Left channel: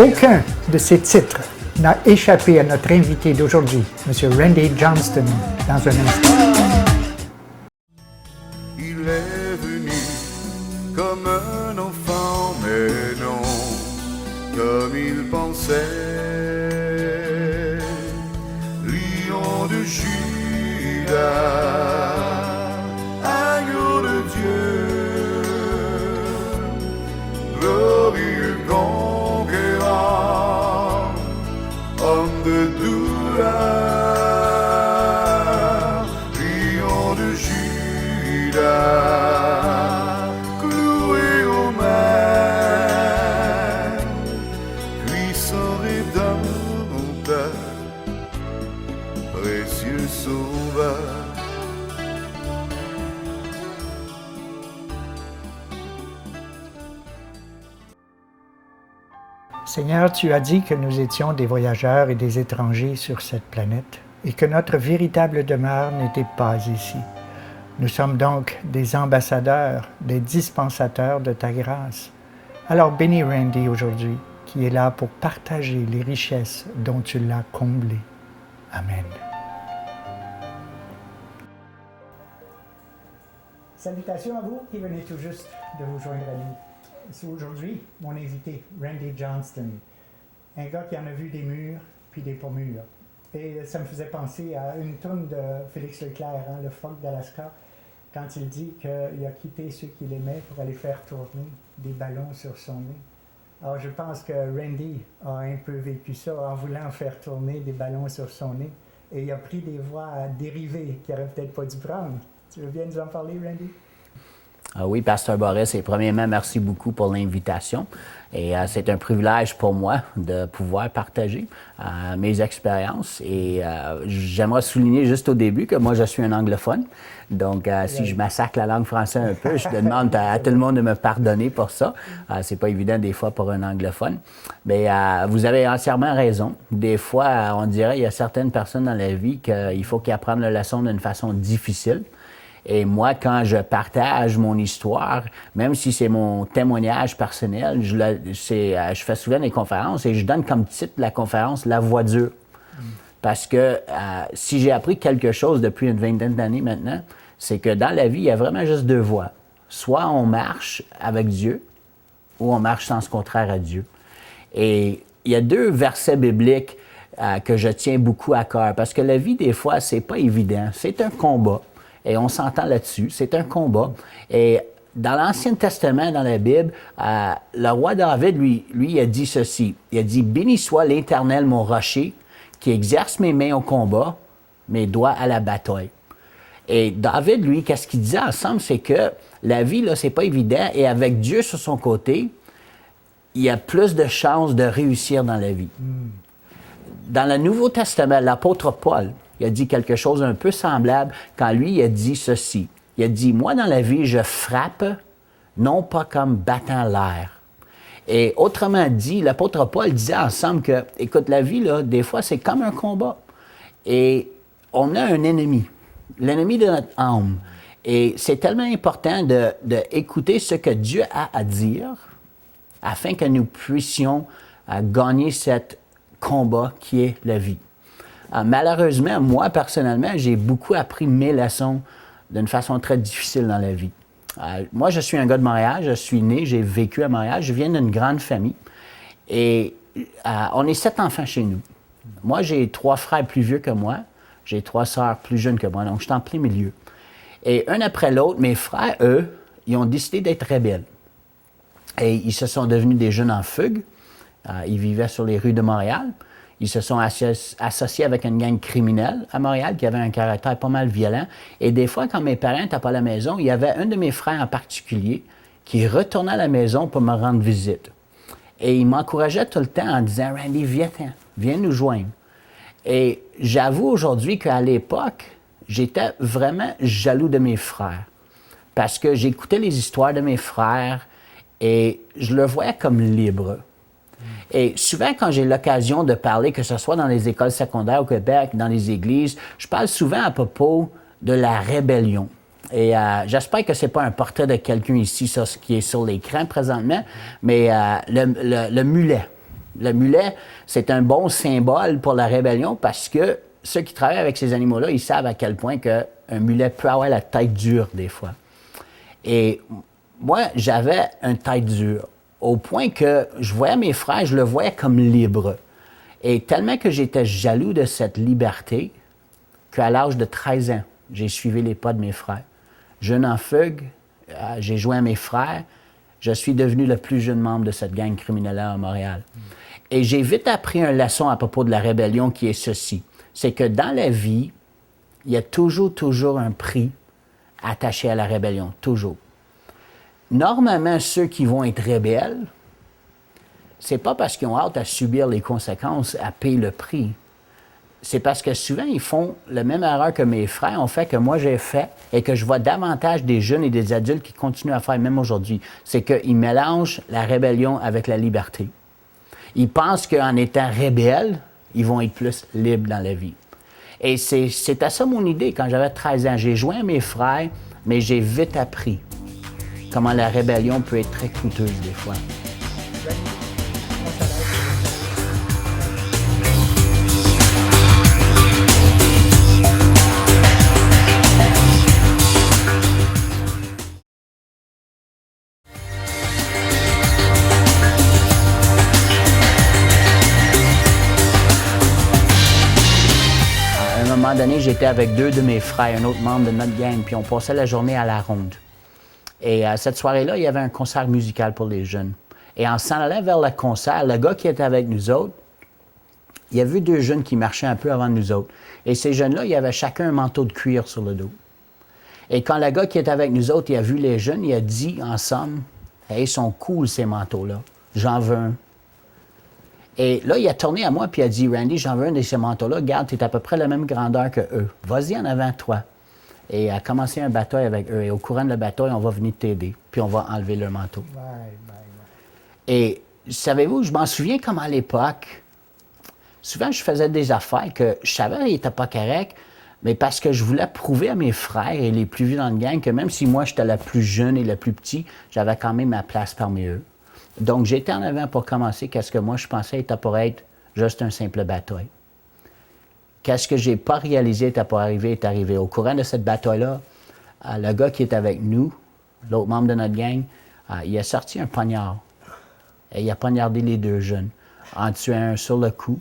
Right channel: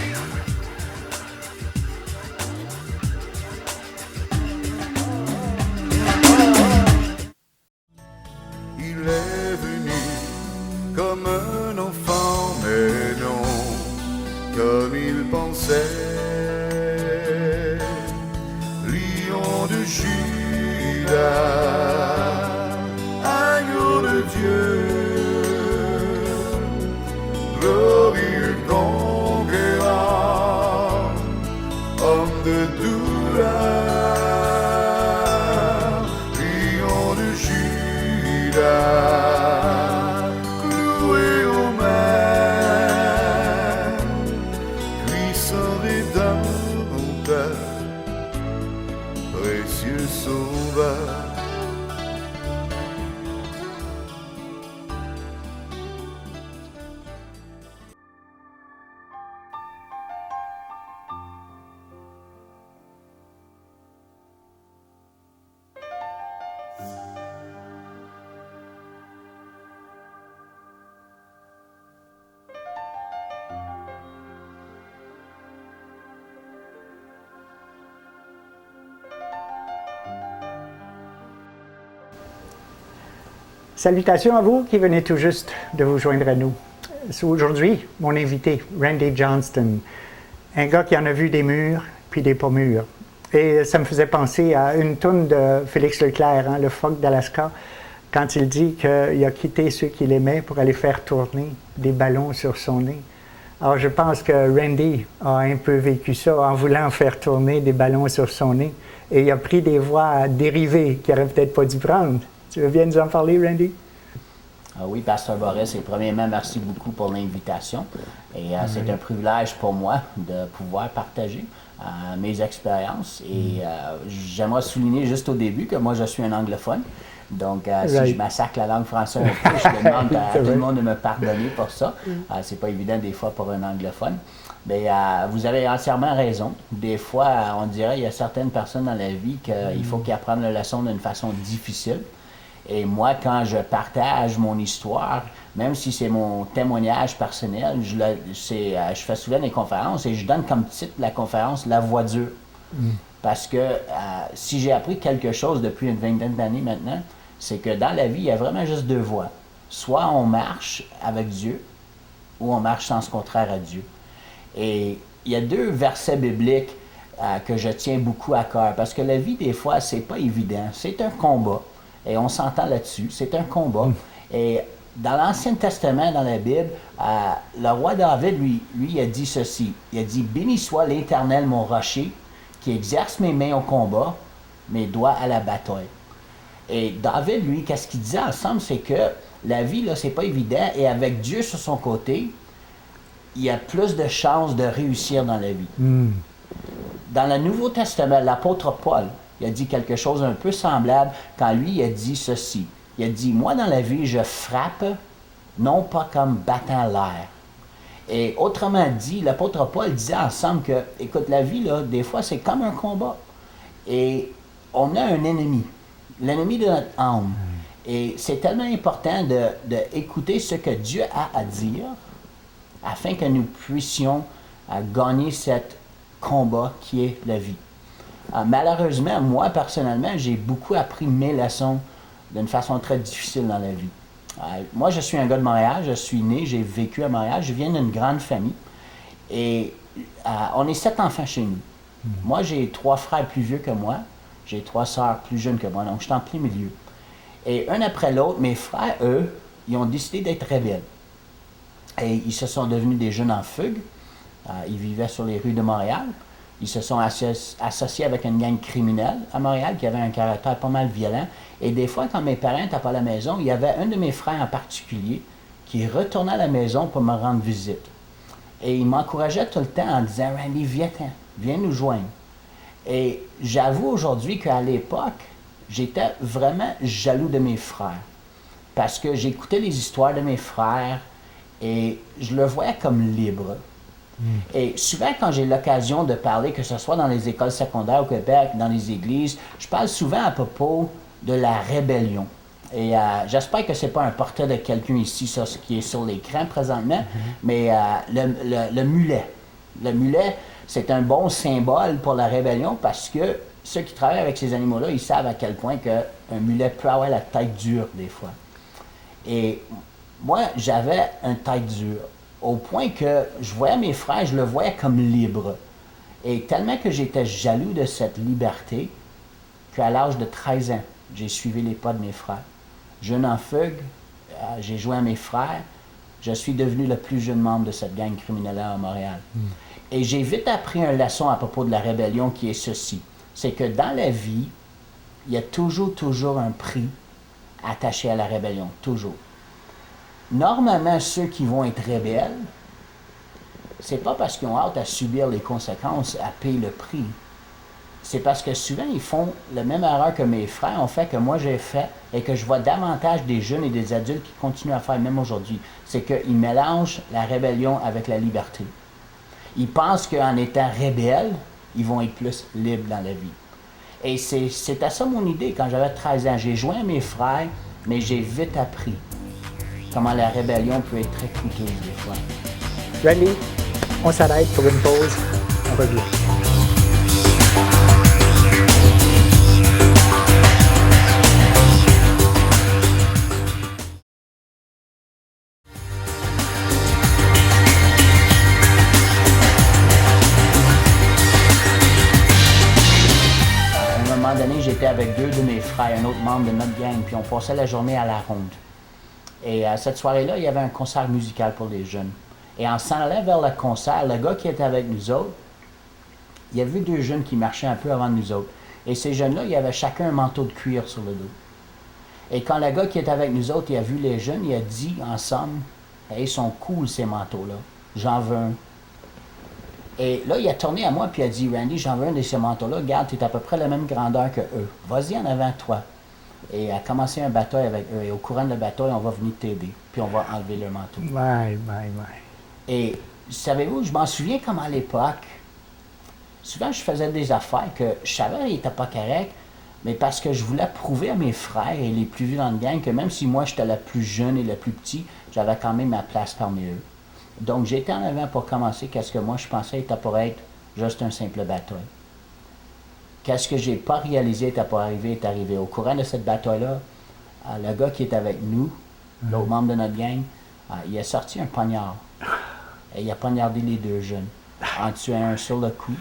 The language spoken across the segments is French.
Aucun de ces titres n'a échappé à notre invité d'aujourd'hui, M. Randy Johnston, dans un instant. Il est venu comme un enfant, mais non comme il pensait. Lion de Judas, agneau de Dieu, glorieux conquérant, homme de douleur, lion de Judas, cloué au mer, puissant rédempteur, précieux sauveur. Seigneur, tu as dit que nous étions des voyageurs et des étrangers sur cette planète et que notre véritable demeure n'était pas ici. Nous sommes donc des ambassadeurs, des dispensateurs de ta grâce. Alors bénis Randy aujourd'hui, qui est là pour partager les richesses dont tu l'as comblé. Amen. Salutations à vous qui venez tout juste de vous joindre à nous. Aujourd'hui, mon invité, Randy Johnston, un gars qui en a vu des murs puis des pas mûrs. Et ça me faisait penser à une toune de Félix Leclerc, le phoque d'Alaska, quand il dit qu'il a quitté ceux qu'il aimait pour aller faire tourner des ballons sur son nez. Alors je pense que Randy a un peu vécu ça en voulant faire tourner des ballons sur son nez. Et il a pris des voies dérivées qu'il n'aurait peut-être pas dû prendre. Tu veux bien nous en parler, Randy? Oui, Pasteur Boris, et premièrement, merci beaucoup pour l'invitation. Et c'est un privilège pour moi de pouvoir partager mes expériences. Et j'aimerais souligner juste au début que moi, je suis un anglophone. Donc, si je massacre la langue française un peu, je demande à tout le monde de me pardonner pour ça. C'est pas évident des fois pour un anglophone. Mais vous avez entièrement raison. Des fois, on dirait qu'il y a certaines personnes dans la vie qu'il faut qu'ils apprennent la leçon d'une façon difficile. Et moi, quand je partage mon histoire, même si c'est mon témoignage personnel, je fais souvent des conférences et je donne comme titre la conférence « La voie dure ». Parce que si j'ai appris quelque chose depuis une vingtaine d'années maintenant, c'est que dans la vie, il y a vraiment juste deux voies. Soit on marche avec Dieu, ou on marche sens contraire à Dieu. Et il y a deux versets bibliques que je tiens beaucoup à cœur, parce que la vie, des fois, c'est pas évident. C'est un combat. Et on s'entend là-dessus, c'est un combat. Et dans l'Ancien Testament, dans la Bible, le roi David, lui, il a dit ceci. Il a dit « Béni soit l'Éternel, mon rocher, qui exerce mes mains au combat, mes doigts à la bataille. » Et David, lui, qu'est-ce qu'il disait ensemble, c'est que la vie, là, c'est pas évident. Et avec Dieu sur son côté, il y a plus de chances de réussir dans la vie. Dans le Nouveau Testament, l'apôtre Paul, il a dit quelque chose un peu semblable quand lui, il a dit ceci. Il a dit, moi, dans la vie, je frappe, non pas comme battant l'air. Et autrement dit, l'apôtre Paul disait ensemble que, écoute, la vie, là, des fois, c'est comme un combat. Et on a un ennemi, l'ennemi de notre âme. Et c'est tellement important d'écouter ce que Dieu a à dire afin que nous puissions gagner ce combat qui est la vie. Malheureusement, moi, personnellement, j'ai beaucoup appris mes leçons d'une façon très difficile dans la vie. Moi, je suis un gars de Montréal, je suis né, j'ai vécu à Montréal, je viens d'une grande famille et on est 7 enfants chez nous. Moi, j'ai 3 frères plus vieux que moi, j'ai 3 sœurs plus jeunes que moi, donc je suis en plein milieu. Et un après l'autre, mes frères, eux, ils ont décidé d'être rebelles. Et ils se sont devenus des jeunes en fugue, ils vivaient sur les rues de Montréal. Ils se sont associés avec une gang criminelle à Montréal qui avait un caractère pas mal violent. Et des fois, quand mes parents n'étaient pas à la maison, il y avait un de mes frères en particulier qui retournait à la maison pour me rendre visite. Et il m'encourageait tout le temps en disant « Randy, viens nous joindre ». Et j'avoue aujourd'hui qu'à l'époque, j'étais vraiment jaloux de mes frères. Parce que j'écoutais les histoires de mes frères et je le voyais comme libre. Et souvent, quand j'ai l'occasion de parler, que ce soit dans les écoles secondaires au Québec, dans les églises, je parle souvent à propos de la rébellion. Et j'espère que ce n'est pas un portrait de quelqu'un ici qui est sur l'écran présentement, mais le mulet. Le mulet, c'est un bon symbole pour la rébellion parce que ceux qui travaillent avec ces animaux-là, ils savent à quel point qu'un mulet peut avoir la tête dure des fois. Et moi, j'avais une tête dure, au point que je voyais mes frères, je le voyais comme libre. Et tellement que j'étais jaloux de cette liberté, qu'à l'âge de 13 ans, j'ai suivi les pas de mes frères. Jeune en fugue, j'ai joint à mes frères, je suis devenu le plus jeune membre de cette gang criminelle-là à Montréal. Et j'ai vite appris une leçon à propos de la rébellion qui est ceci. C'est que dans la vie, il y a toujours un prix attaché à la rébellion, toujours. Normalement, ceux qui vont être rebelles, c'est pas parce qu'ils ont hâte à subir les conséquences, à payer le prix. C'est parce que souvent, ils font la même erreur que mes frères ont fait, que moi j'ai fait, et que je vois davantage des jeunes et des adultes qui continuent à faire même aujourd'hui. C'est qu'ils mélangent la rébellion avec la liberté. Ils pensent qu'en étant rebelles, ils vont être plus libres dans la vie. Et c'est à ça mon idée quand j'avais 13 ans. J'ai joint mes frères, mais j'ai vite appris comment la rébellion peut être très coûteuse des fois. Randy, on s'arrête pour une pause. On revient. À un moment donné, j'étais avec deux de mes frères, un autre membre de notre gang, puis on passait la journée à la ronde. Et cette soirée-là, il y avait un concert musical pour les jeunes. Et en s'en allant vers le concert, le gars qui était avec nous autres, il a vu deux jeunes qui marchaient un peu avant nous autres. Et ces jeunes-là, ils avaient chacun un manteau de cuir sur le dos. Et quand le gars qui était avec nous autres, il a vu les jeunes, il a dit ensemble, « Hey, ils sont cool ces manteaux-là, j'en veux un. » Et là, il a tourné à moi puis il a dit, « Randy, j'en veux un de ces manteaux-là, regarde, tu es à peu près la même grandeur que eux. Vas-y en avant de toi. » Et il a commencé un bataille avec eux. Et au courant de la bataille, on va venir t'aider, puis on va enlever leur manteau. Ouais. Et savez-vous, je m'en souviens comme à l'époque, souvent je faisais des affaires que je savais qu'ils n'étaient pas corrects, mais parce que je voulais prouver à mes frères et les plus vieux dans le gang que même si moi j'étais la plus jeune et la plus petite, j'avais quand même ma place parmi eux. Donc j'étais en avant pour commencer qu'est-ce que moi je pensais était pour être juste un simple bataille. Qu'est-ce que j'ai pas réalisé était pour arriver est arrivé. Au courant de cette bataille-là, le gars qui est avec nous, l'autre membre de notre gang, il a sorti un poignard. Et il a poignardé les deux jeunes, en tuant un sur le coup,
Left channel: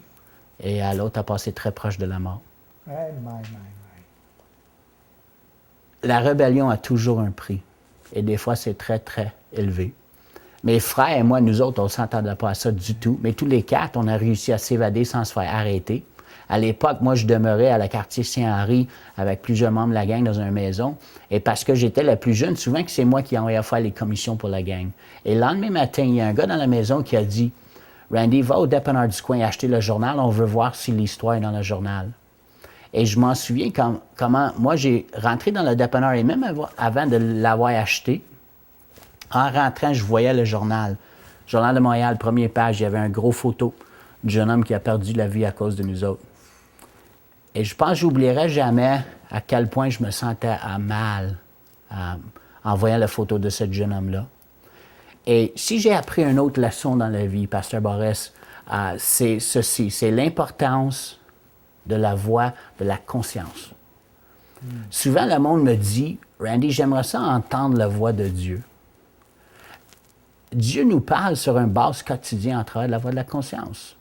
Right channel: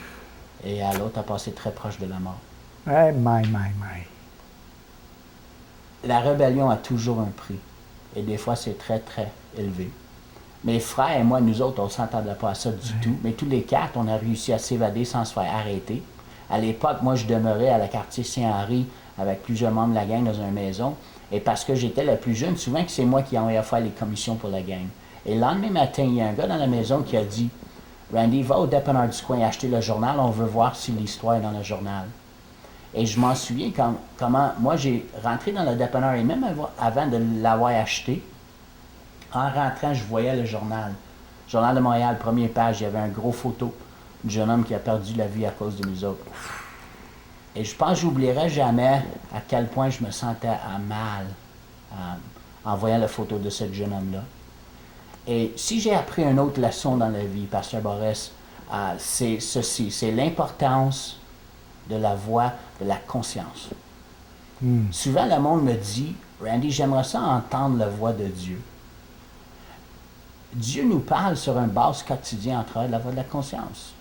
et l'autre a passé très proche de la mort. Ouais, La rébellion a toujours un prix, et des fois c'est très, très élevé. Mes frères et moi, nous autres, on ne s'entendait pas à ça du tout, mais tous les quatre, on a réussi à s'évader sans se faire arrêter. À l'époque, moi, je demeurais à la quartier Saint-Henri avec plusieurs membres de la gang dans une maison, et parce que j'étais la plus jeune, souvent que c'est moi qui envoyais faire les commissions pour la gang. Et le lendemain matin, il y a un gars dans la maison qui a dit « Randy, va au dépanneur du coin acheter le journal, on veut voir si l'histoire est dans le journal. » Et je m'en souviens comment moi j'ai rentré dans le dépanneur, et même avant de l'avoir acheté, en rentrant, je voyais le journal. Journal de Montréal, première page, il y avait un gros photo du jeune homme qui a perdu la vie à cause de nous autres. Et je pense que j'oublierai jamais à quel point je me sentais mal en voyant la photo de ce jeune homme-là. Et si j'ai appris une autre leçon dans la vie, Pasteur Boris, c'est ceci, c'est l'importance de la voix de la conscience. Souvent, le monde me dit, « Randy, j'aimerais ça entendre la voix de Dieu. » Dieu nous parle sur un base quotidien à travers la voix de la conscience.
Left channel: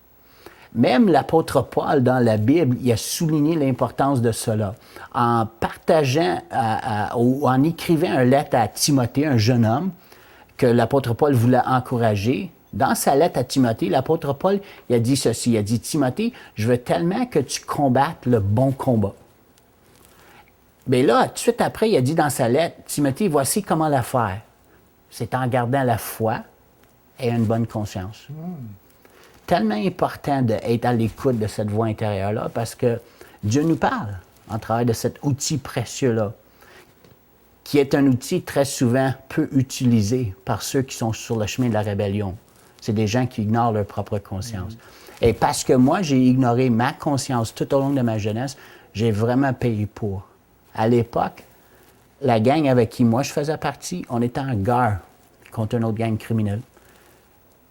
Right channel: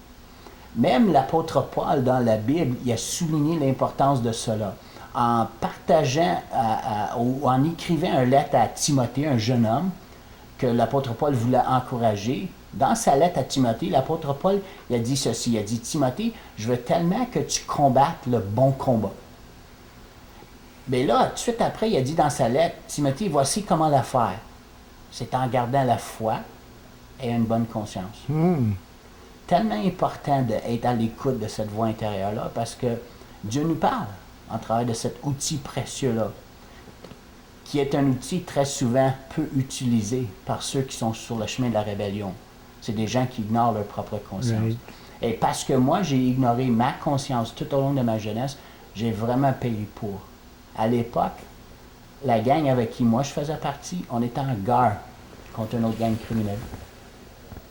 Même l'apôtre Paul, dans la Bible, il a souligné l'importance de cela. En partageant ou en écrivant une lettre à Timothée, un jeune homme, que l'apôtre Paul voulait encourager, dans sa lettre à Timothée, l'apôtre Paul il a dit ceci, il a dit « Timothée, je veux tellement que tu combattes le bon combat. » Mais là, tout de suite après, il a dit dans sa lettre « Timothée, voici comment la faire. C'est en gardant la foi et une bonne conscience. Tellement important d'être à l'écoute de cette voix intérieure-là parce que Dieu nous parle en travers de cet outil précieux-là, qui est un outil très souvent peu utilisé par ceux qui sont sur le chemin de la rébellion. C'est des gens qui ignorent leur propre conscience. Oui. Et parce que moi, j'ai ignoré ma conscience tout au long de ma jeunesse, j'ai vraiment payé pour. À l'époque, la gang avec qui moi je faisais partie, on était en guerre contre une autre gang criminelle.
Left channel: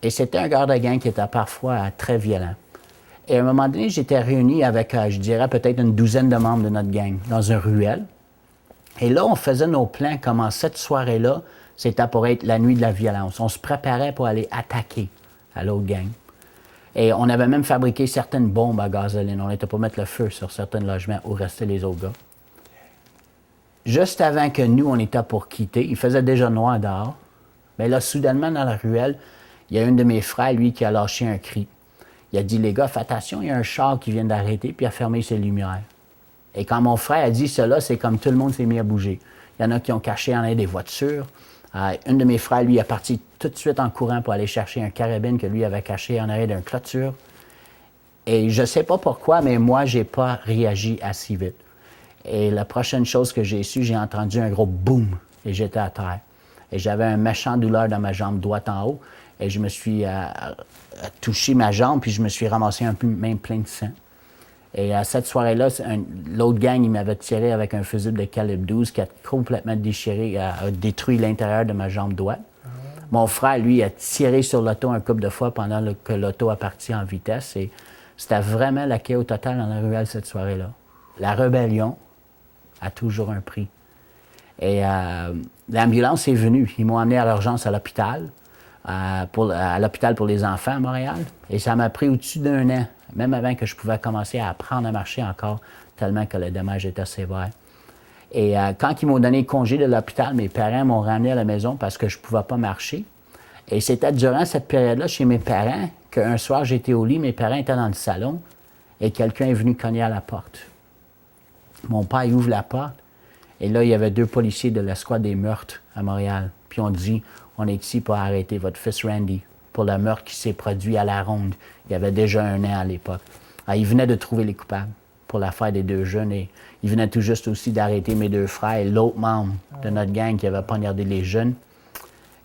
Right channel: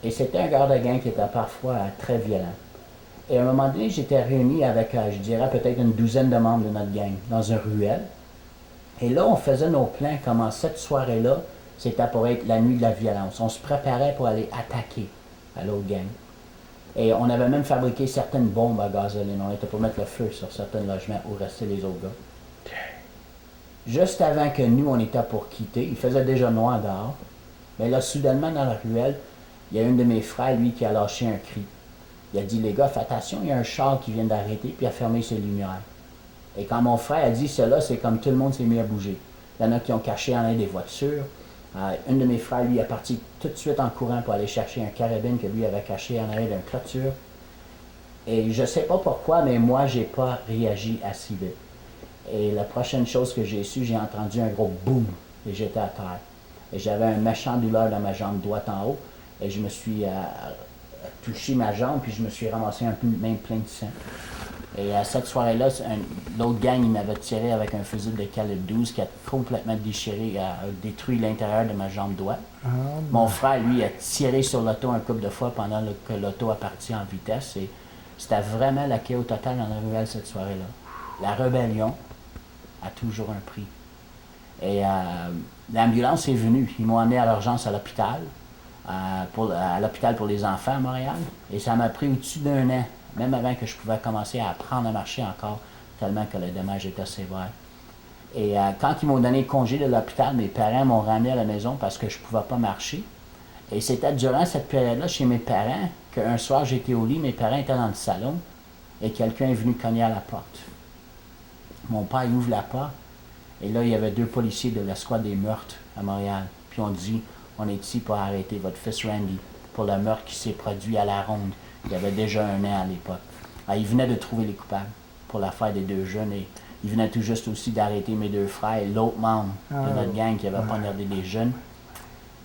Et c'était un garde de gang qui était parfois très violent. Et à un moment donné, j'étais réuni avec, je dirais, peut-être une douzaine de membres de notre gang dans une ruelle. Et là, on faisait nos plans comment cette soirée-là, c'était pour être la nuit de la violence. On se préparait pour aller attaquer à l'autre gang. Et on avait même fabriqué certaines bombes à gasoline. On était pour mettre le feu sur certains logements où restaient les autres gars. Juste avant que nous, on était pour quitter, il faisait déjà noir dehors. Mais là, soudainement, dans la ruelle, il y a un de mes frères, lui, qui a lâché un cri. Il a dit, les gars, faites attention, il y a un char qui vient d'arrêter, puis il a fermé ses lumières. Et quand mon frère a dit cela, c'est comme tout le monde s'est mis à bouger. Il y en a qui ont caché en arrière des voitures. Un de mes frères, lui, est parti tout de suite en courant pour aller chercher un carabine que lui avait caché en arrière d'une clôture. Et je ne sais pas pourquoi, mais moi, je n'ai pas réagi assez vite. Et la prochaine chose que j'ai su, j'ai entendu un gros boum et j'étais à terre. Et j'avais un méchant douleur dans ma jambe droite en haut. Et je me suis touché ma jambe, puis je me suis ramassé un peu, même plein de sang. Et à cette soirée-là, l'autre gang, il m'avait tiré avec un fusil de calibre 12 qui a complètement déchiré, a détruit l'intérieur de ma jambe droite. Mon frère, lui, a tiré sur l'auto un couple de fois pendant que l'auto a parti en vitesse. Et c'était vraiment la chaos totale dans la ruelle cette soirée-là. La rébellion a toujours un prix. Et l'ambulance est venue. Ils m'ont emmené à l'urgence à l'hôpital, à l'hôpital pour les enfants à Montréal. Et ça m'a pris au-dessus d'un an, même avant que je pouvais commencer à apprendre à marcher encore, tellement que le dommage était sévère. Et quand ils m'ont donné congé de l'hôpital, mes parents m'ont ramené à la maison parce que je ne pouvais pas marcher. Et c'était durant cette période-là, chez mes parents, qu'un soir, j'étais au lit, mes parents étaient dans le salon, et quelqu'un est venu cogner à la porte. Mon père, il ouvre la porte, et là, il y avait 2 policiers de l'escouade des meurtres à Montréal. Puis on dit, on est ici pour arrêter votre fils Randy pour le meurtre qui s'est produit à la Ronde. Il y avait déjà un an à l'époque. Alors, ils venaient de trouver les coupables pour l'affaire des 2 jeunes, et ils venaient tout juste aussi d'arrêter mes 2 frères et l'autre membre de notre gang qui avait poignardé les jeunes.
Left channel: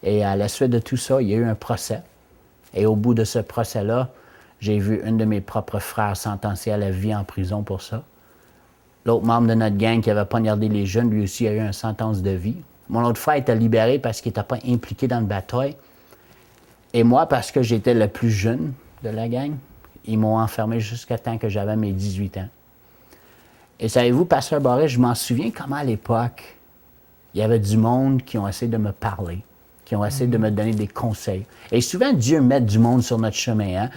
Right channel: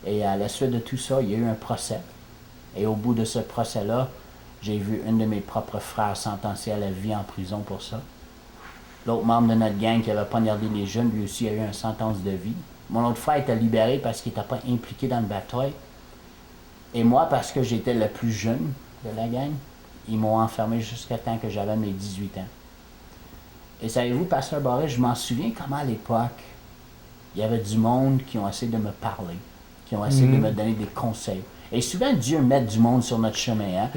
Et à la suite de tout ça, il y a eu un procès. Et au bout de ce procès-là, j'ai vu une de mes propres frères sentencé à la vie en prison pour ça. L'autre membre de notre gang qui avait poignardé les jeunes, lui aussi, a eu une sentence de vie. Mon autre frère était libéré parce qu'il n'était pas impliqué dans le bataille. Et moi, parce que j'étais le plus jeune de la gang, ils m'ont enfermé jusqu'à temps que j'avais mes 18 ans. Et savez-vous, Pasteur Barret, je m'en souviens comment à l'époque, il y avait du monde qui ont essayé de me parler, qui ont essayé de me donner des conseils. Et souvent, Dieu met du monde sur notre chemin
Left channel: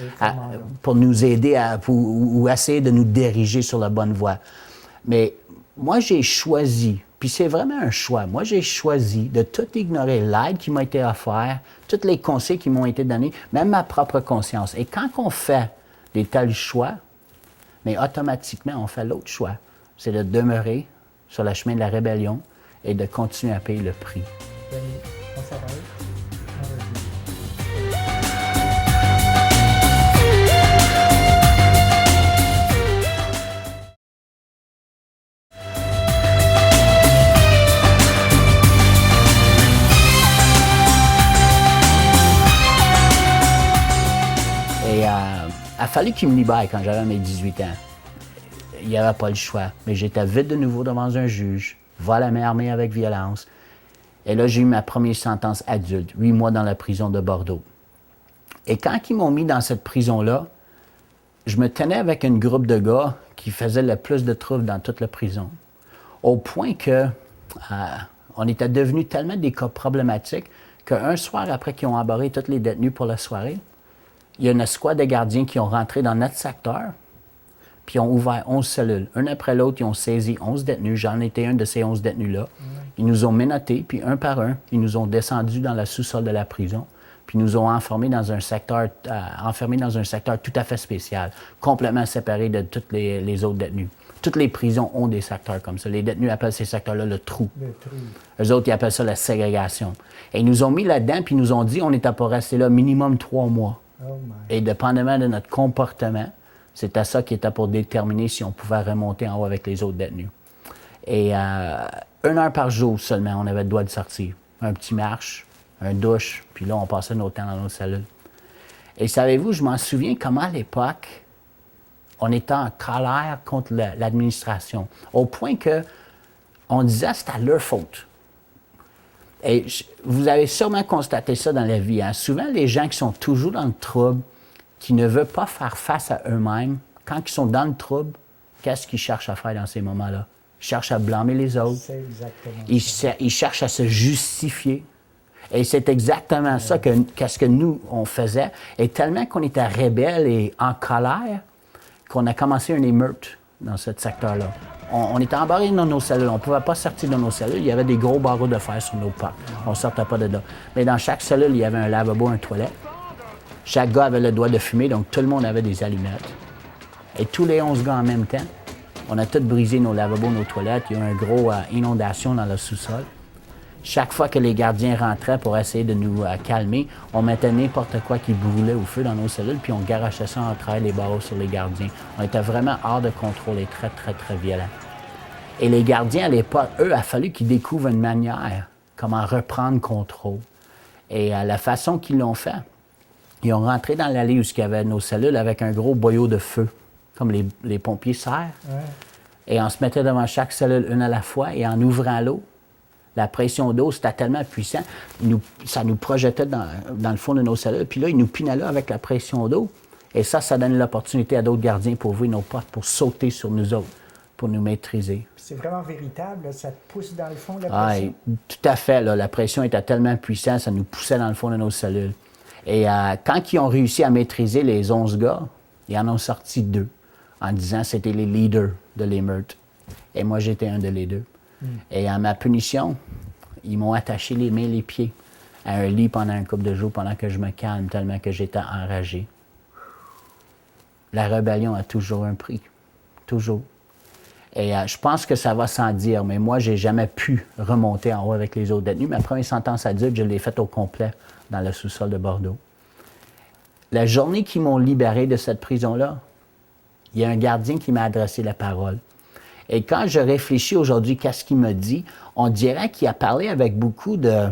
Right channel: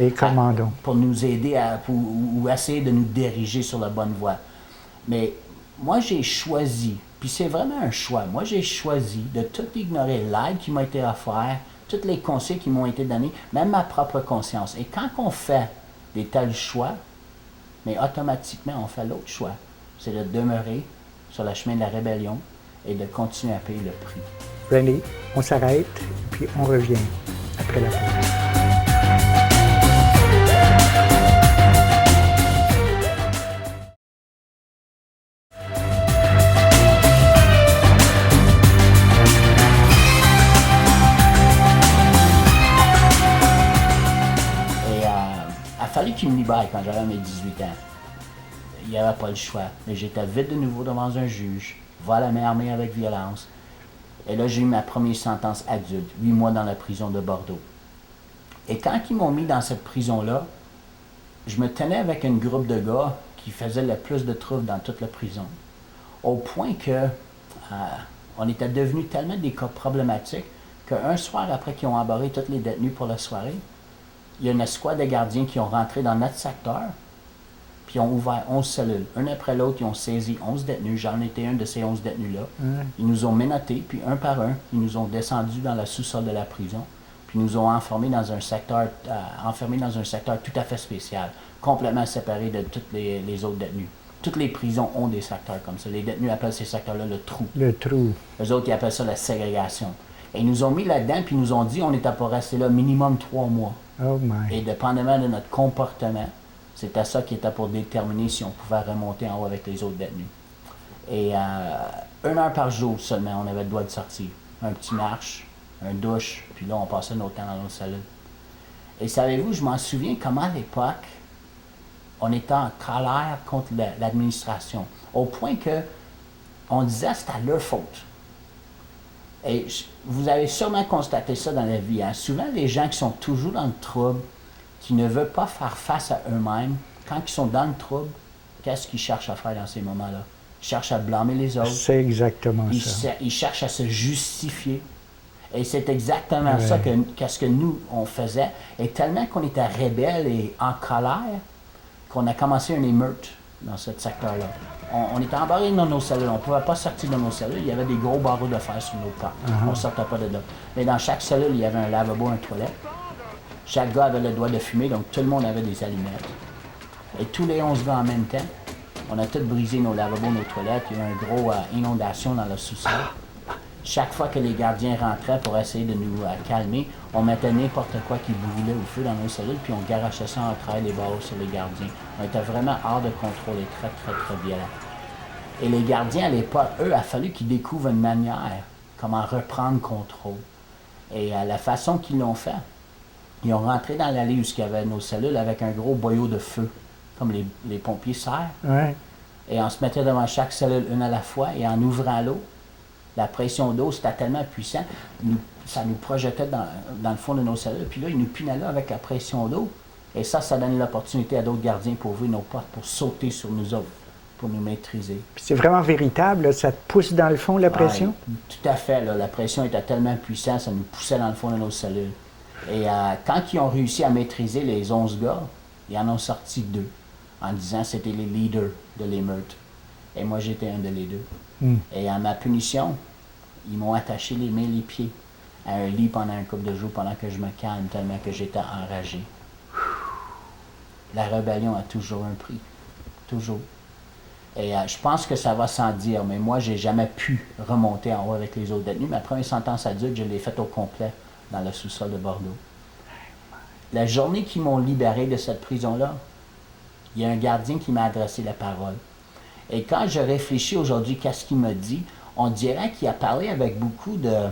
pour nous aider ou essayer de nous diriger sur la bonne voie. Mais moi, j'ai choisi, puis c'est vraiment un choix, moi, j'ai choisi de tout ignorer l'aide qui m'a été offerte, tous les conseils qui m'ont été donnés, même ma propre conscience. Et quand on fait des tels choix, mais automatiquement, on fait l'autre choix. C'est de demeurer sur le chemin de la rébellion et de continuer à payer le prix. Randy, on s'arrête, puis on revient après la pause. Il a fallu qu'il me libère quand j'avais mes 18 ans. Il n'y avait pas le choix. Mais j'étais vite de nouveau devant un juge, vol à main armée avec violence. Et là, j'ai eu ma première sentence adulte, 8 mois dans la prison de Bordeaux. Et quand ils m'ont mis dans cette prison-là, je me tenais avec un groupe de gars qui faisaient le plus de troubles dans toute la prison. Au point que on était devenus tellement des cas problématiques qu'un soir, après qu'ils ont embarré tous les détenus pour la soirée, il y a une escouade de gardiens qui ont rentré dans notre secteur, puis ont ouvert 11 cellules. Un après l'autre, ils ont saisi 11 détenus. J'en étais un de ces 11 détenus-là. Ils nous ont menottés, puis un par un, ils nous ont descendus dans le sous-sol de la prison, puis nous ont enfermés dans un secteur tout à fait spécial, complètement séparé de tous les autres détenus. Toutes les prisons ont des secteurs comme ça. Les détenus appellent ces secteurs-là le trou. Le trou. Eux autres, ils appellent ça la ségrégation. Et ils nous ont mis là-dedans, puis ils nous ont dit on était pour rester là minimum 3 mois. Oh my. Et dépendamment de notre comportement, c'était ça qui était pour déterminer si on pouvait remonter en haut avec les autres détenus. Et 1 heure par jour seulement, on avait le droit de sortir. Un petit marche, un douche, puis là, on passait notre temps dans notre cellule. Et savez-vous, je m'en souviens comment à l'époque, on était en colère contre l'administration, au point que on disait que c'était leur faute. Et vous avez sûrement constaté ça dans la vie. Hein? Souvent, les gens qui sont toujours dans le trouble, qui ne veulent pas faire face à eux-mêmes, quand ils sont dans le trouble, qu'est-ce qu'ils cherchent à faire dans ces moments-là? Ils cherchent à blâmer les autres. C'est exactement ça. Ils cherchent à se justifier. Et c'est exactement ça qu'est-ce que nous, on faisait. Et tellement qu'on était rebelles et en colère, qu'on a commencé une émeute dans ce secteur-là. On était embarrés dans nos cellules. On ne pouvait pas sortir de nos cellules. Il y avait des gros barreaux de fer sur nos portes. On ne sortait pas de là. Mais dans chaque cellule, il y avait un lavabo, un toilette. Chaque gars avait le droit de fumer, donc tout le monde avait des allumettes. Et tous les 11 gars en même temps, on a tous brisé nos lavabos, nos toilettes. Il y a eu une grosse inondation dans le sous-sol. Chaque fois que les gardiens rentraient pour essayer de nous calmer, on mettait n'importe quoi qui brûlait au feu dans nos cellules, puis on garachait ça en travers les barreaux sur les gardiens. On était vraiment hors de contrôle et très, très, très violents. Et les gardiens, à l'époque, eux, il a fallu qu'ils découvrent une manière, comment reprendre contrôle. Et la façon qu'ils l'ont fait, ils ont rentré dans l'allée où il y avait nos cellules avec un gros boyau de feu, comme les pompiers serrent. Ouais. Et on se mettait devant chaque cellule une à la fois, et en ouvrant l'eau, la pression d'eau, c'était tellement puissant, ça nous projetait dans le fond de nos cellules. Puis là, ils nous pinaient là avec la pression d'eau. Et ça donnait l'opportunité à d'autres gardiens pour ouvrir nos portes, pour sauter sur nous autres, pour nous maîtriser. Puis c'est vraiment véritable, là, ça te pousse dans le fond, la pression? Tout à fait. Là, la pression était tellement puissante, ça nous poussait dans le fond de nos cellules. Et quand ils ont réussi à maîtriser les 11 gars, ils en ont sorti 2, en disant que c'était les leaders de l'émeute. Et moi, j'étais un de les 2. Et à ma punition, ils m'ont attaché les mains et les pieds à un lit pendant un couple de jours, pendant que je me calme, tellement que j'étais enragé. La rébellion a toujours un prix. Toujours. Et je pense que ça va sans dire, mais moi, j'ai jamais pu remonter en haut avec les autres détenus. Ma première sentence adulte, je l'ai faite au complet dans le sous-sol de Bordeaux. La journée qu'ils m'ont libéré de cette prison-là, il y a un gardien qui m'a adressé la parole. Et quand je réfléchis aujourd'hui, qu'est-ce qu'il me dit, on dirait qu'il a parlé avec beaucoup de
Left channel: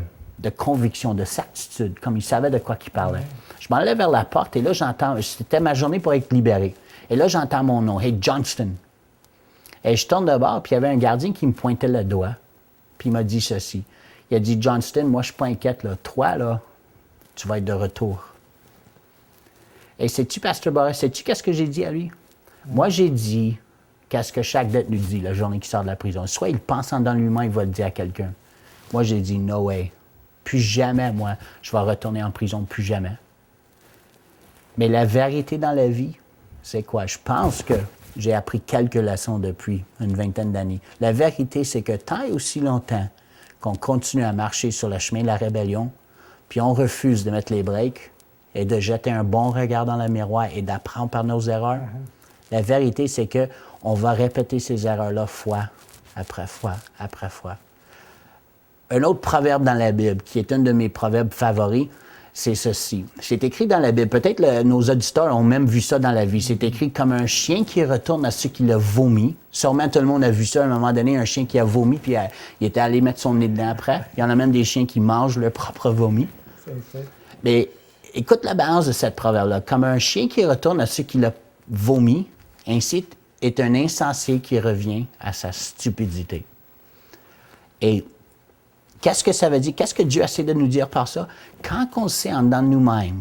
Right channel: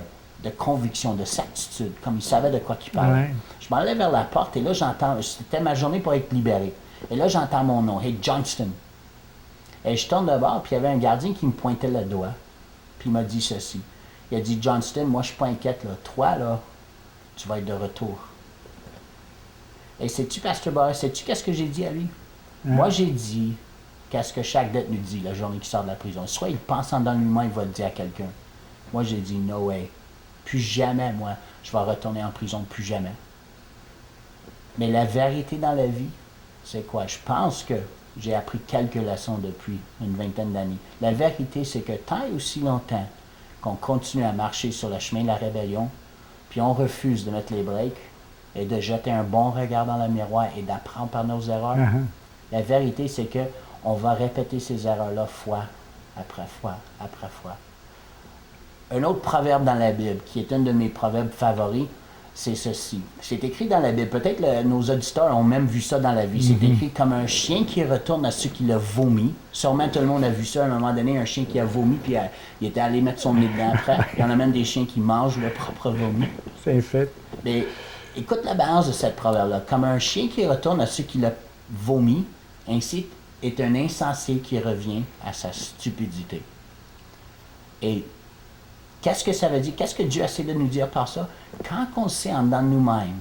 conviction, de certitude, comme il savait de quoi il parlait. Ouais. Je m'en allais vers la porte et là, j'entends, c'était ma journée pour être libéré. Et là, j'entends mon nom, Hey Johnston. Et je tourne de bord, puis il y avait un gardien qui me pointait le doigt, puis il m'a dit ceci. Il a dit, Johnston, moi, je suis pas inquiète, là. Toi, là, tu vas être de retour. Et sais-tu, Pasteur Boris, sais-tu qu'est-ce que j'ai dit à lui? Moi, j'ai dit qu'est-ce que chaque détenu dit la journée qu'il sort de la prison. Soit il pense en dans lui-même, il va le dire à quelqu'un. Moi, j'ai dit, no way. Plus jamais, moi, je vais retourner en prison, plus jamais. Mais la vérité dans la vie, c'est quoi? Je pense que j'ai appris quelques leçons depuis une vingtaine d'années. La vérité, c'est que tant et aussi longtemps qu'on continue à marcher sur le chemin de la rébellion, puis on refuse de mettre les breaks et de jeter un bon regard dans le miroir et d'apprendre par nos erreurs, la vérité, c'est que on va répéter ces erreurs-là fois après fois après fois. Un autre proverbe dans la Bible, qui est un de mes proverbes favoris, c'est ceci. C'est écrit dans la Bible. Peut-être nos auditeurs ont même vu ça dans la vie. C'est écrit comme un chien qui retourne à ceux qui l'ont vomi. Sûrement tout le monde a vu ça à un moment donné, un chien qui a vomi, puis il était allé mettre son nez dedans après. Il y en a même des chiens qui mangent leur propre vomi. C'est fait. Mais écoute la balance de cette proverbe-là. Comme un chien qui retourne à ceux qui l'ont vomi, ainsi est un insensé qui revient à sa stupidité. Et qu'est-ce que ça veut dire? Qu'est-ce que Dieu essaie de nous dire par ça? Quand on sait en dedans de nous-mêmes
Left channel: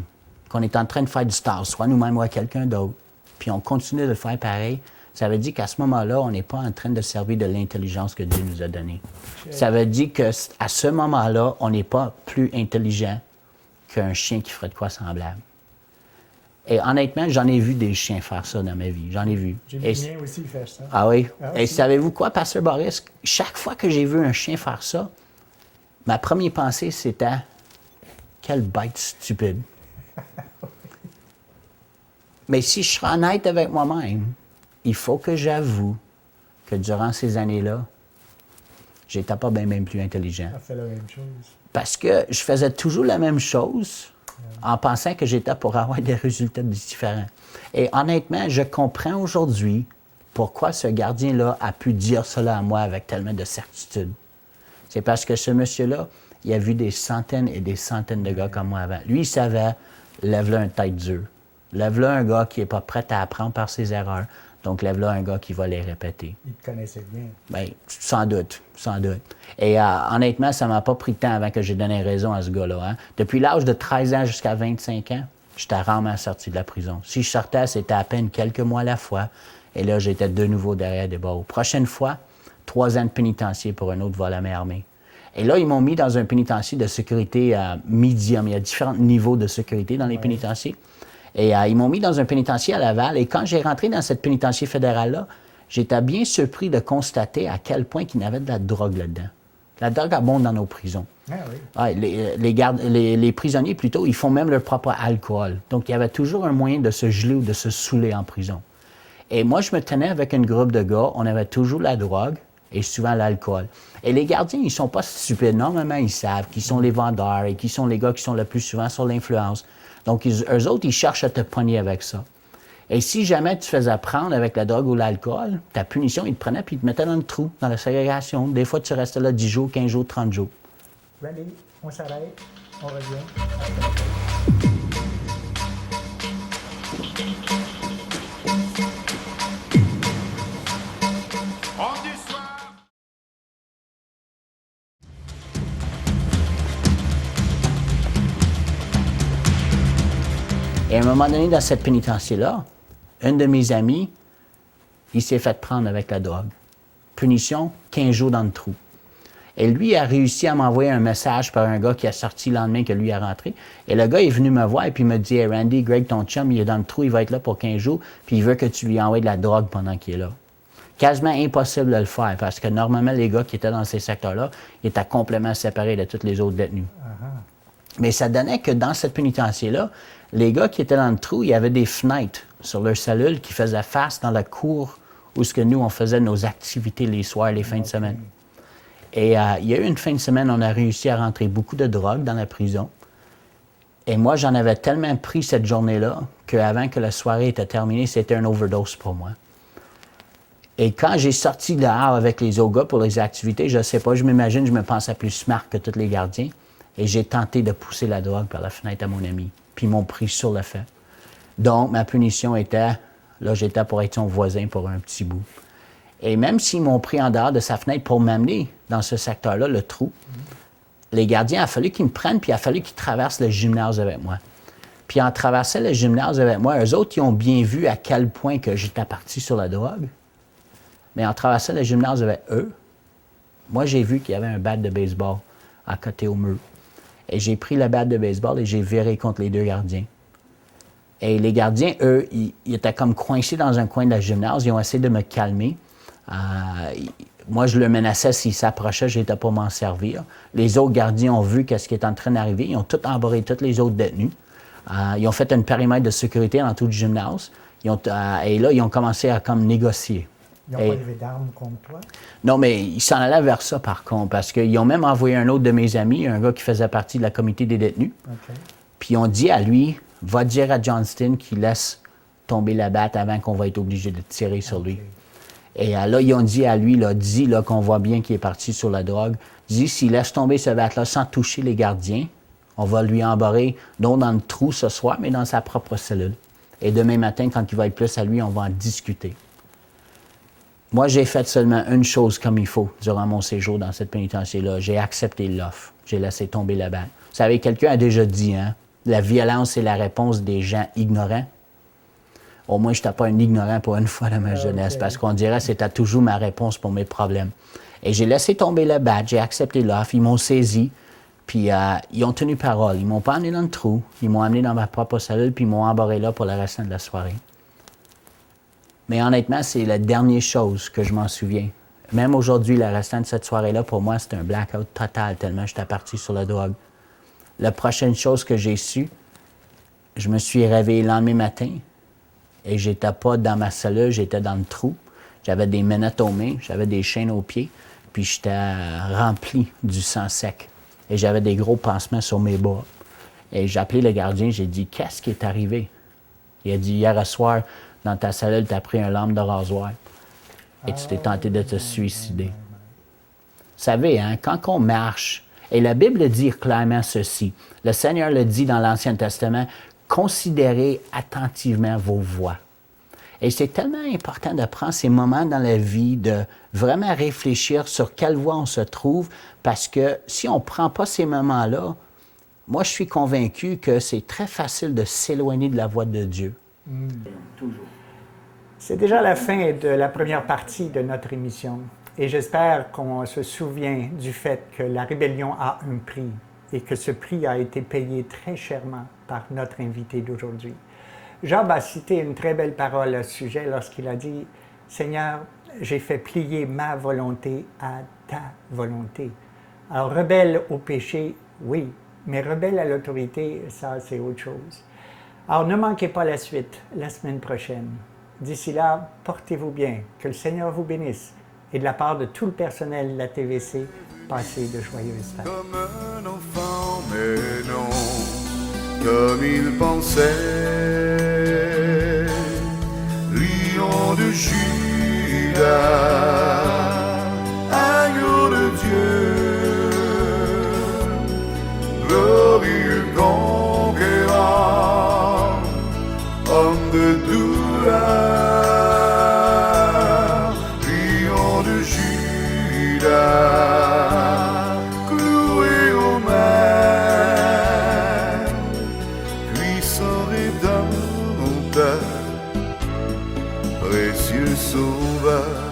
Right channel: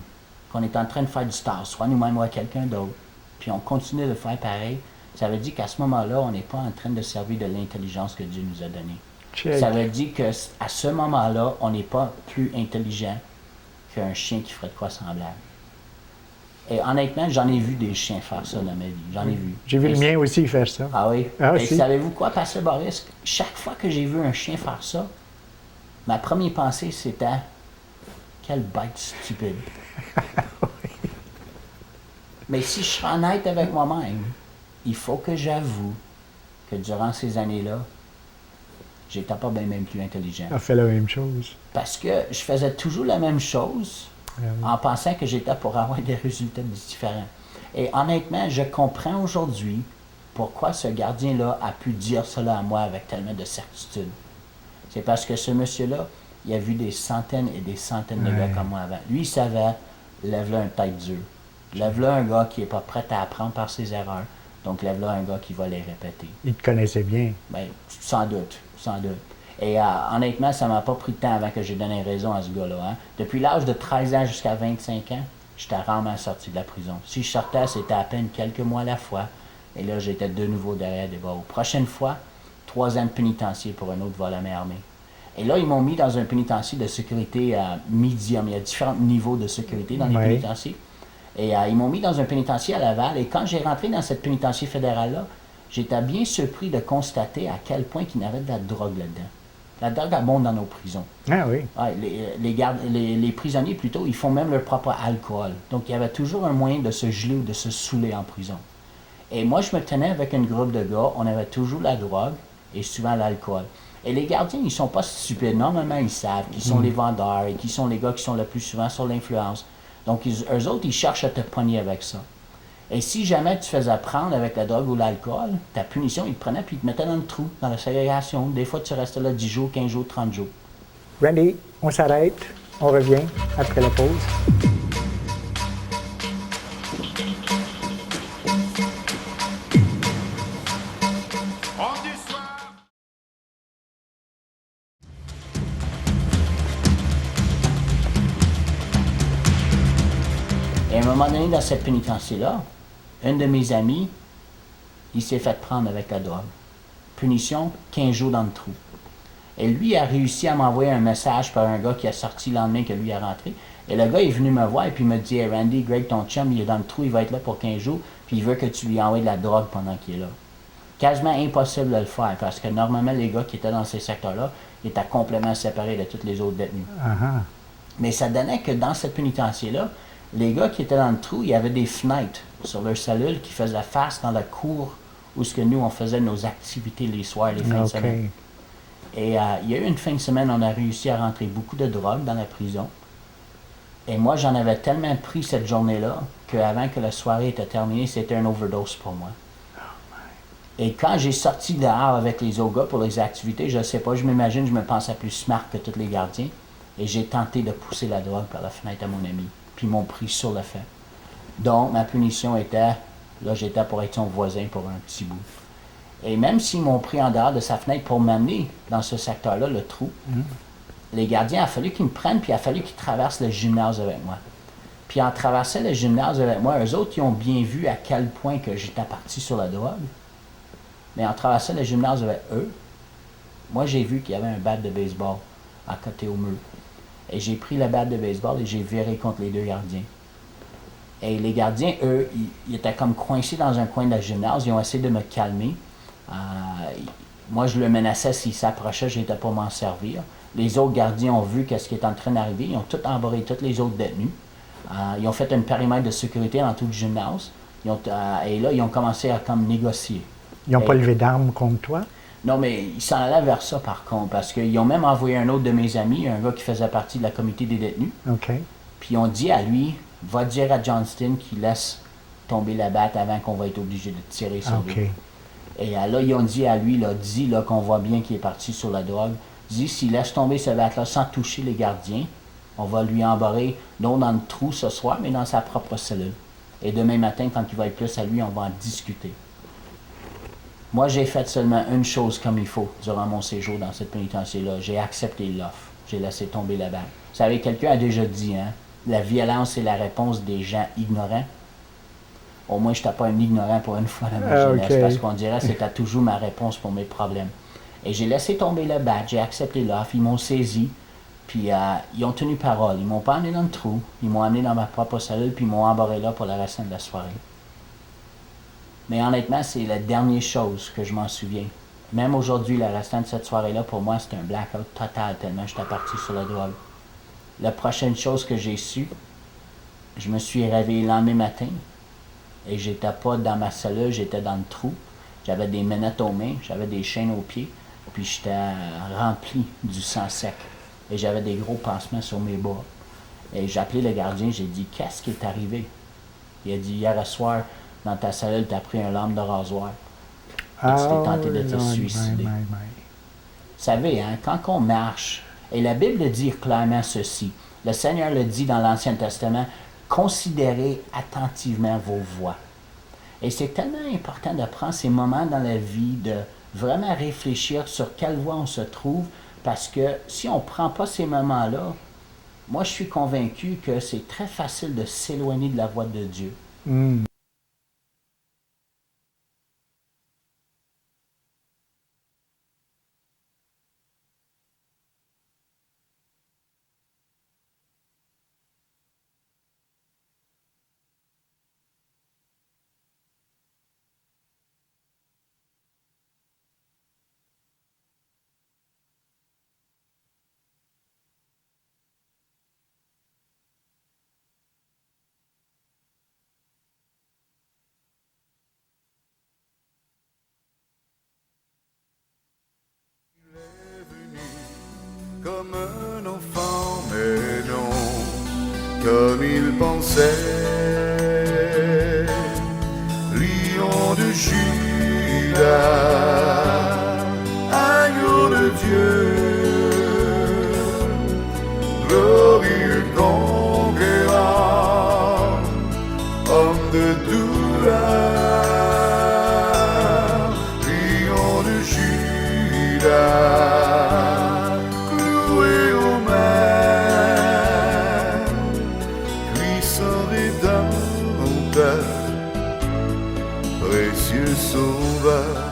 qu'on est en train de faire du star, soit nous-mêmes ou à quelqu'un d'autre, puis on continue de le faire pareil, ça veut dire qu'à ce moment-là, on n'est pas en train de servir de l'intelligence que Dieu nous a donnée. Check. Ça veut dire qu'à ce moment-là, on n'est pas plus intelligent qu'un chien qui ferait de quoi semblable. Et honnêtement, j'en ai vu des chiens faire ça dans ma vie. J'en ai vu. J'ai vu le mien aussi faire ça. Ah oui? Ah, Et si. savez-vous quoi, Pasteur Boris? Chaque fois que j'ai vu un chien faire ça, ma première pensée, c'était « Quelle bête stupide! » Mais si je suis honnête avec moi-même, il faut que j'avoue que durant ces années-là, j'étais pas bien même plus intelligent. On fait la même chose. Parce que je faisais toujours la même chose en pensant que j'étais pour avoir des résultats différents. Et honnêtement, je comprends aujourd'hui pourquoi ce gardien-là a pu dire cela à moi avec tellement de certitude. C'est parce que ce monsieur-là, il a vu des centaines et des centaines de gars comme moi avant. Lui, il savait, lève-là un tête dure. Lève-là un gars qui n'est pas prêt à apprendre par ses erreurs. Donc, lève-là un gars qui va les répéter. Il te connaissait bien. Bien, sans doute, sans doute. Et honnêtement, ça ne m'a pas pris de temps avant que j'ai donné raison à ce gars-là. Hein. Depuis l'âge de 13 ans jusqu'à 25 ans, j'étais rarement sorti de la prison. Si je sortais, c'était à peine quelques mois à la fois. Et là, j'étais de nouveau derrière des barreaux. Prochaine fois, 3 ans de pénitencier pour un autre vol à main armée. Et là, ils m'ont mis dans un pénitencier de sécurité médium. Il y a différents niveaux de sécurité dans les pénitenciers. Et ils m'ont mis dans un pénitencier à Laval. Et quand j'ai rentré dans cette pénitencier fédérale-là, j'étais bien surpris de constater à quel point il y avait de la drogue là-dedans. La drogue abonde dans nos prisons. Ah oui. Les prisonniers, plutôt, ils font même leur propre alcool. Donc, il y avait toujours un moyen de se geler ou de se saouler en prison. Et moi, je me tenais avec un groupe de gars. On avait toujours la drogue et souvent l'alcool. Et les gardiens, ils ne sont pas stupides. Normalement, ils savent qui sont les vendeurs et qui sont les gars qui sont le plus souvent sur l'influence. Donc, eux autres, ils cherchent à te pogner avec ça. Et si jamais tu faisais prendre avec la drogue ou l'alcool, ta punition, ils te prenaient puis ils te mettaient dans le trou, dans la ségrégation. Des fois, tu restais là 10 jours, 15 jours, 30 jours. Randy, on s'arrête. On revient après la pause. Et à un moment donné, dans cette pénitencier-là, un de mes amis, il s'est fait prendre avec la drogue. Punition, 15 jours dans le trou. Et lui a réussi à m'envoyer un message par un gars qui a sorti le lendemain que lui est rentré. Et le gars est venu me voir et puis il me dit hey, « Randy, Greg, ton chum, il est dans le trou, il va être là pour 15 jours, puis il veut que tu lui envoies de la drogue pendant qu'il est là. » Quasiment impossible de le faire parce que normalement, les gars qui étaient dans ces secteurs-là, ils étaient complètement séparés de tous les autres détenus. Mais ça donnait que dans cette pénitencier-là, les gars qui étaient dans le trou, il y avait des fenêtres sur leur cellule qui faisaient face dans la cour où ce que nous, on faisait nos activités les soirs, les fins de semaine. Et il y a eu une fin de semaine, on a réussi à rentrer beaucoup de drogue dans la prison. Et moi, j'en avais tellement pris cette journée-là qu'avant que la soirée était terminée, c'était un overdose pour moi. Et quand j'ai sorti dehors avec les autres gars pour les activités, je ne sais pas, je m'imagine, je me pensais plus smart que tous les gardiens. Et j'ai tenté de pousser la drogue par la fenêtre à mon ami. Puis ils m'ont pris sur le fait. Donc, ma punition était, là, j'étais pour être son voisin pour un petit bout. Et même s'ils m'ont pris en dehors de sa fenêtre pour m'amener dans ce secteur-là, le trou, les gardiens, il a fallu qu'ils me prennent, puis il a fallu qu'ils traversent le gymnase avec moi. Puis en traversant le gymnase avec moi, eux autres, ils ont bien vu à quel point que j'étais parti sur la drogue. Mais en traversant le gymnase avec eux, moi, j'ai vu qu'il y avait un bat de baseball à côté au mur. Et j'ai pris le bat de baseball et j'ai viré contre les deux gardiens. Et les gardiens, eux, ils étaient comme coincés dans un coin de la gymnase. Ils ont essayé de me calmer. Moi, je le menaçais s'il s'approchait, j'étais pour m'en servir. Les autres gardiens ont vu ce qui est en train d'arriver. Ils ont tout embarré, tous les autres détenus. Ils ont fait un périmètre de sécurité dans tout le gymnase. Et là, ils ont commencé à comme négocier. Ils n'ont pas levé d'armes contre toi? Non, mais ils s'en allaient vers ça, par contre, parce qu'ils ont même envoyé un autre de mes amis, un gars qui faisait partie de la comité des détenus. Puis ils ont dit à lui, va dire à Johnston qu'il laisse tomber la batte avant qu'on va être obligé de tirer sur lui. Et là, ils ont dit à lui, là, dis là, qu'on voit bien qu'il est parti sur la drogue. Dis, s'il laisse tomber ce batte-là sans toucher les gardiens, on va lui embarrer, non dans le trou ce soir, mais dans sa propre cellule. Et demain matin, quand il va être plus à lui, on va en discuter. Moi, j'ai fait seulement une chose comme il faut durant mon séjour dans cette pénitencier-là. J'ai accepté l'offre. J'ai laissé tomber la batte. Vous savez, quelqu'un a déjà dit, hein, la violence est la réponse des gens ignorants. Au moins, je n'étais pas un ignorant pour une fois dans ma jeunesse, parce qu'on dirait que c'était toujours ma réponse pour mes problèmes. Et j'ai laissé tomber le bat, j'ai accepté l'offre, ils m'ont saisi, puis ils ont tenu parole. Ils m'ont pas amené dans le trou, ils m'ont amené dans ma propre cellule, puis ils m'ont embarré là pour le restant de la soirée. Mais honnêtement, c'est la dernière chose que je m'en souviens. Même aujourd'hui, le restant de cette soirée-là, pour moi, c'était un blackout total, tellement j'étais parti sur la drogue. La prochaine chose que j'ai su, je me suis réveillé le lendemain matin, et j'étais pas dans ma cellule, j'étais dans le trou. J'avais des menottes aux mains, j'avais des chaînes aux pieds, puis j'étais rempli du sang sec. Et j'avais des gros pansements sur mes bas. Et j'ai appelé le gardien, j'ai dit « Qu'est-ce qui est arrivé? » Il a dit « Hier soir, dans ta cellule, tu as pris un lame de rasoir. Et tu t'es tenté de te suicider. » Vous savez, hein, quand on marche, et la Bible dit clairement ceci, le Seigneur le dit dans l'Ancien Testament, considérez attentivement vos voies. Et c'est tellement important de prendre ces moments dans la vie de vraiment réfléchir sur quelle voie on se trouve, parce que si on ne prend pas ces moments-là, moi je suis convaincu que c'est très facile de s'éloigner de la voie de Dieu. Toujours. C'est déjà la fin de la première partie de notre émission et j'espère qu'on se souvient du fait que la rébellion a un prix et que ce prix a été payé très chèrement par notre invité d'aujourd'hui. Job a cité une très belle parole à ce sujet lorsqu'il a dit « Seigneur, j'ai fait plier ma volonté à ta volonté ». Alors, rebelle au péché, oui, mais rebelle à l'autorité, ça, c'est autre chose. Alors, ne manquez pas la suite la semaine prochaine. D'ici là, portez-vous bien, que le Seigneur vous bénisse. Et de la part de tout le personnel de la TVC, passez de joyeuses fêtes. Comme un enfant, mais non, comme il pensait, lion de Judas, agneau de Dieu, glorieux conquérant, homme de douleur, lion de Judas, cloué aux mains, puissant rédempteur, précieux sauveur.